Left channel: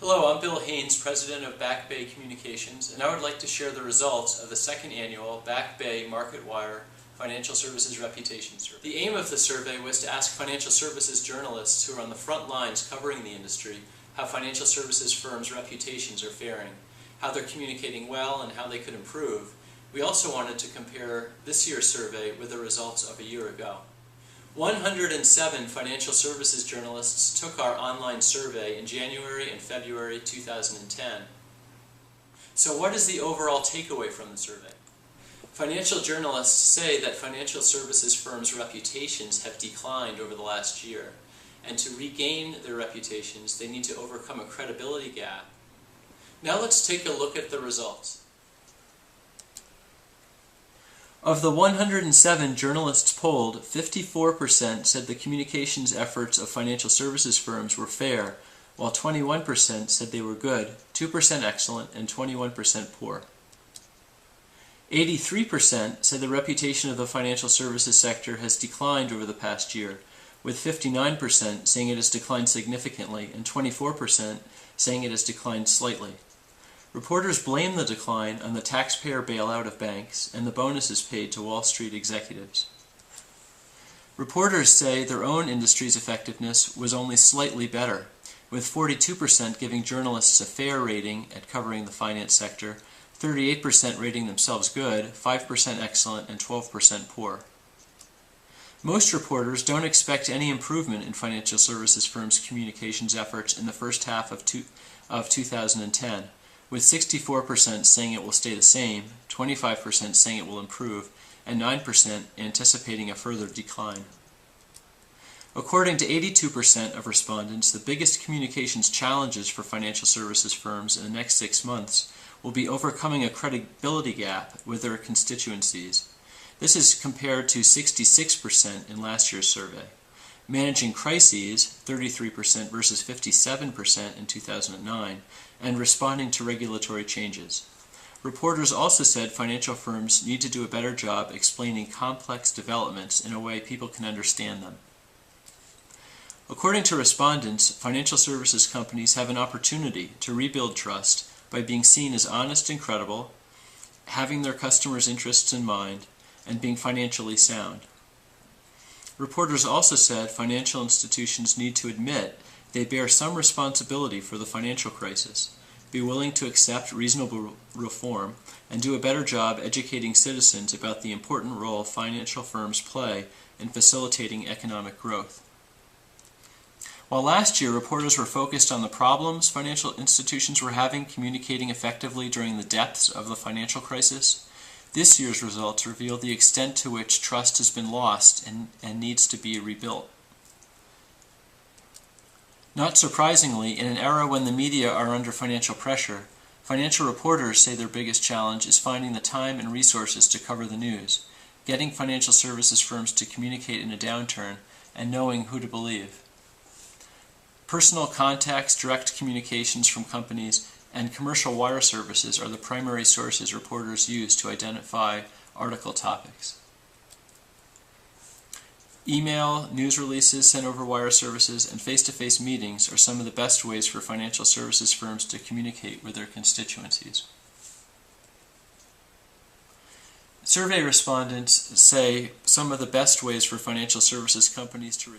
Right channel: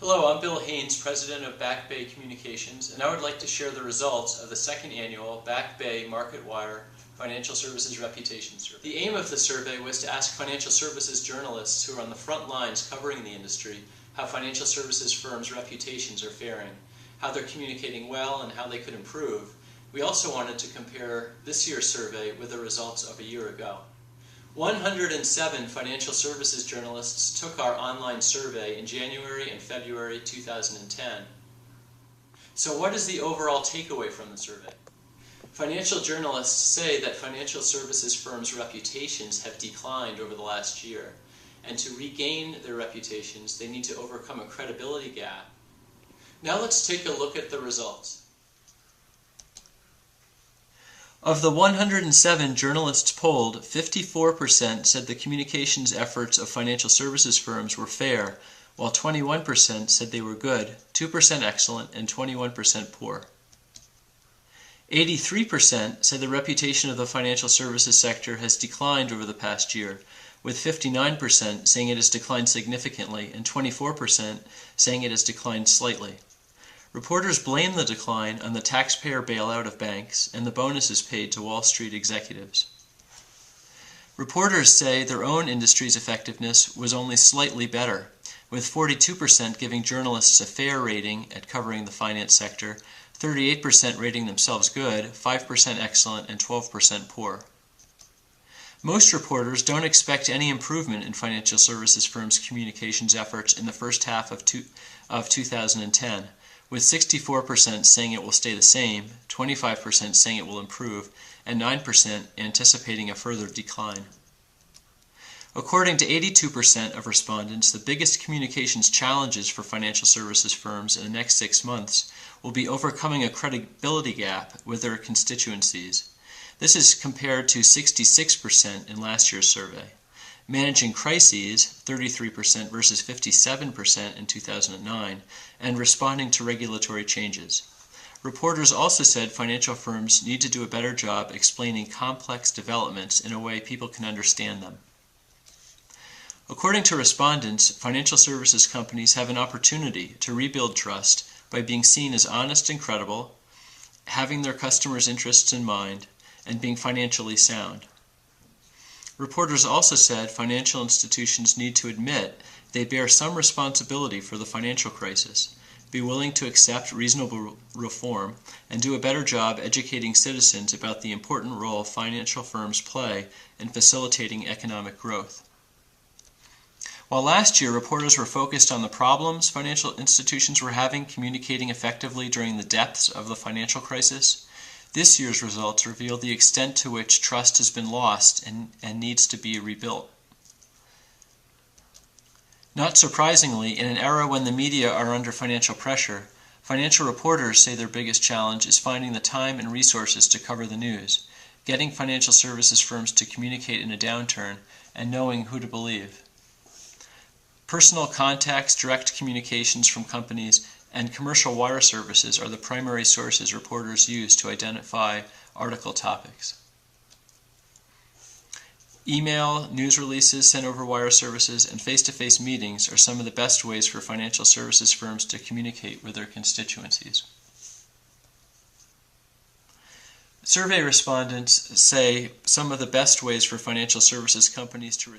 Hello, I'm Bill Haynes, President of Back Bay Communications, and I would like to share the results of the second annual BackBay-Marketwire Financial Services Reputation Survey. The aim of the survey was to ask financial services journalists who are on the front lines covering the industry how financial services firms' reputations are faring, how they're communicating well, and how they could improve. We also wanted to compare this year's survey with the results of a year ago. 107 financial services journalists took our online survey in January and February 2010. So what is the overall takeaway from the survey? Financial journalists say that financial services firms' reputations have declined over the last year, and to regain their reputations, they need to overcome a credibility gap. Now let's take a look at the results. Of the 107 journalists polled, 54% said the communications efforts of financial services firms were fair, while 21% said they were good, 2% excellent, and 21% poor. 83% said the reputation of the financial services sector has declined over the past year, with 59% saying it has declined significantly and 24% saying it has declined slightly. Reporters blame the decline on the taxpayer bailout of banks and the bonuses paid to Wall Street executives. Reporters say their own industry's effectiveness was only slightly better, with 42% giving journalists a fair rating at covering the finance sector, 38% rating themselves good, 5% excellent, and 12% poor. Most reporters don't expect any improvement in financial services firms' communications efforts in the first half of 2010. With 64% saying it will stay the same, 25% saying it will improve, and 9% anticipating a further decline. According to 82% of respondents, the biggest communications challenges for financial services firms in the next 6 months will be overcoming a credibility gap with their constituencies. This is compared to 66% in last year's survey. Managing crises, 33% versus 57% in 2009, and responding to regulatory changes. Reporters also said financial firms need to do a better job explaining complex developments in a way people can understand them. According to respondents, financial services companies have an opportunity to rebuild trust by being seen as honest and credible, having their customers' interests in mind, and being financially sound. Reporters also said financial institutions need to admit they bear some responsibility for the financial crisis, be willing to accept reasonable reform, and do a better job educating citizens about the important role financial firms play in facilitating economic growth. While last year reporters were focused on the problems financial institutions were having communicating effectively during the depths of the financial crisis, this year's results reveal the extent to which trust has been lost and needs to be rebuilt. Not surprisingly, in an era when the media are under financial pressure, financial reporters say their biggest challenge is finding the time and resources to cover the news, getting financial services firms to communicate in a downturn, and knowing who to believe. Personal contacts, direct communications from companies, and commercial wire services are the primary sources reporters use to identify article topics. Email, news releases sent over wire services, and face-to-face meetings are some of the best ways for financial services firms to communicate with their constituencies. Survey respondents say some of the best ways for financial services companies to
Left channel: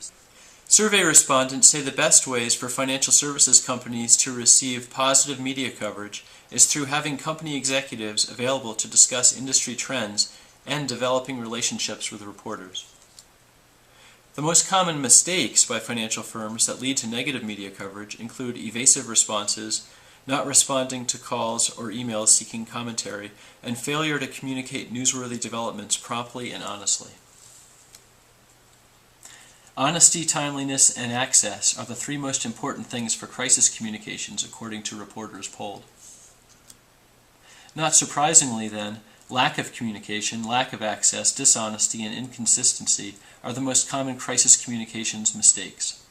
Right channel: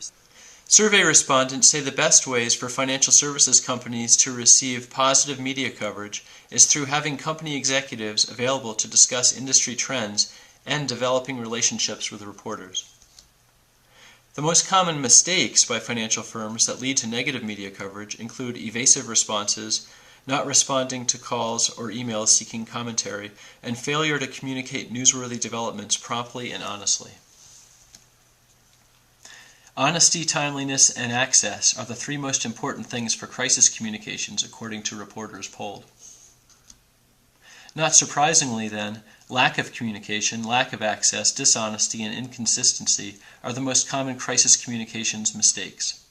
receive positive media coverage is through having company executives available to discuss industry trends and developing relationships with reporters. The most common mistakes by financial firms that lead to negative media coverage include evasive responses, not responding to calls or emails seeking commentary, and failure to communicate newsworthy developments promptly and honestly. Honesty, timeliness, and access are the 3 most important things for crisis communications, according to reporters polled. Not surprisingly, then, lack of communication, lack of access, dishonesty, and inconsistency are the most common crisis communications mistakes.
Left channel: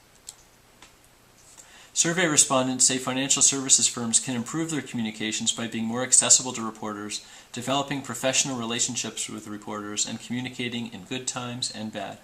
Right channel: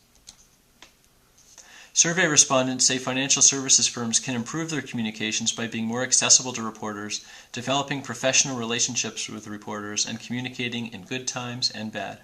Survey respondents say financial services firms can improve their communications by being more accessible to reporters, developing professional relationships with reporters, and communicating in good times and bad.